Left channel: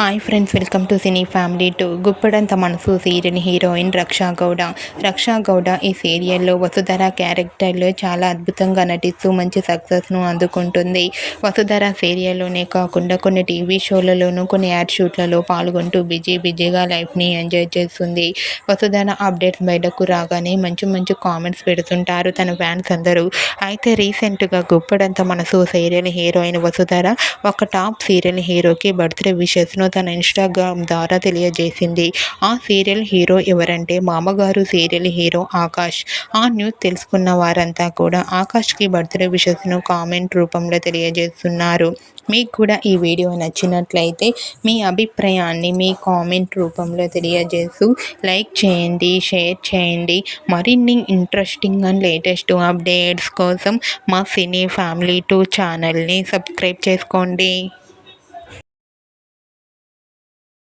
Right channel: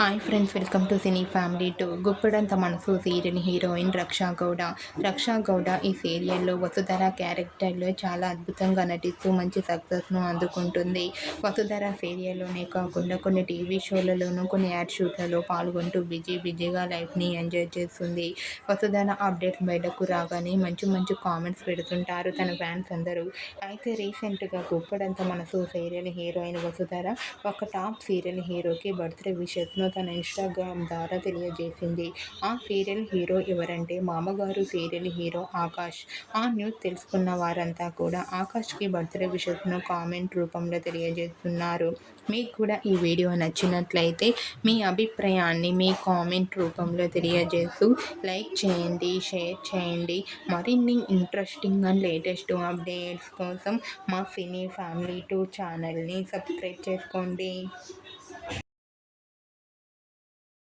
Hi friends welcome to cine family to. Guppedantha Manasu serial heroine Raksha Gowda. రక్షా గౌడ ఈ సీరియల్లో వసుధర క్యారెక్టర్లో చాలా అద్భుతంగా నటిస్తూ మంచి సక్సెస్ను అందుకుంటుంది. వసుధర సీరియల్లోనే కాకుండా కొన్ని టీవీ షోలలోనూ కొన్ని యాడ్ షూట్లలో పాల్గొంటూ బిజీ బిజీగా లైఫ్ని ఎంజాయ్ చేస్తుంది. వసుధర అప్డేట్స్ బయటకు రాగానే మంచి మంచి కామెంట్స్ పెడుతుంటారు తన ఫ్యాన్స్ అందరూ. అయితే రీసెంట్గా గుప్పడంత మనసు సీరియల్ హీరోయిన్ వసుధర ఒక టాప్ సీరియల్ హీరోకి బర్త్డే విషెస్ను తన ఇన్స్టాగ్రామ్ ద్వారా తెలియజేసింది. ఆ సీరియల్ హీరో ఎవరంటే మామగారు సీరియల్ హీరో ఆకాష్. ఆ న్యూస్ తెలుసుకున్న వారంతా కూడా ఆకాష్కి బర్త్డే విషెస్ను కామెంట్ రూపంలో తెలియజేస్తున్నారు. మీకు కూడా ఈ వీడియో నచ్చినట్లయితే మీ అభిప్రాయాన్ని మీ కామెంట్ రూపంలో తెలియజేస్తూ లైక్ చేయండి షేర్ చేయండి. మరిన్ని ఇంట్రెస్టింగ్ అండ్ లేటెస్ట్ అప్డేట్స్ కోసం మా సినీ ఫ్యామిలీ టూ ఛానల్ని సబ్స్క్రైబ్ చేసుకోండి.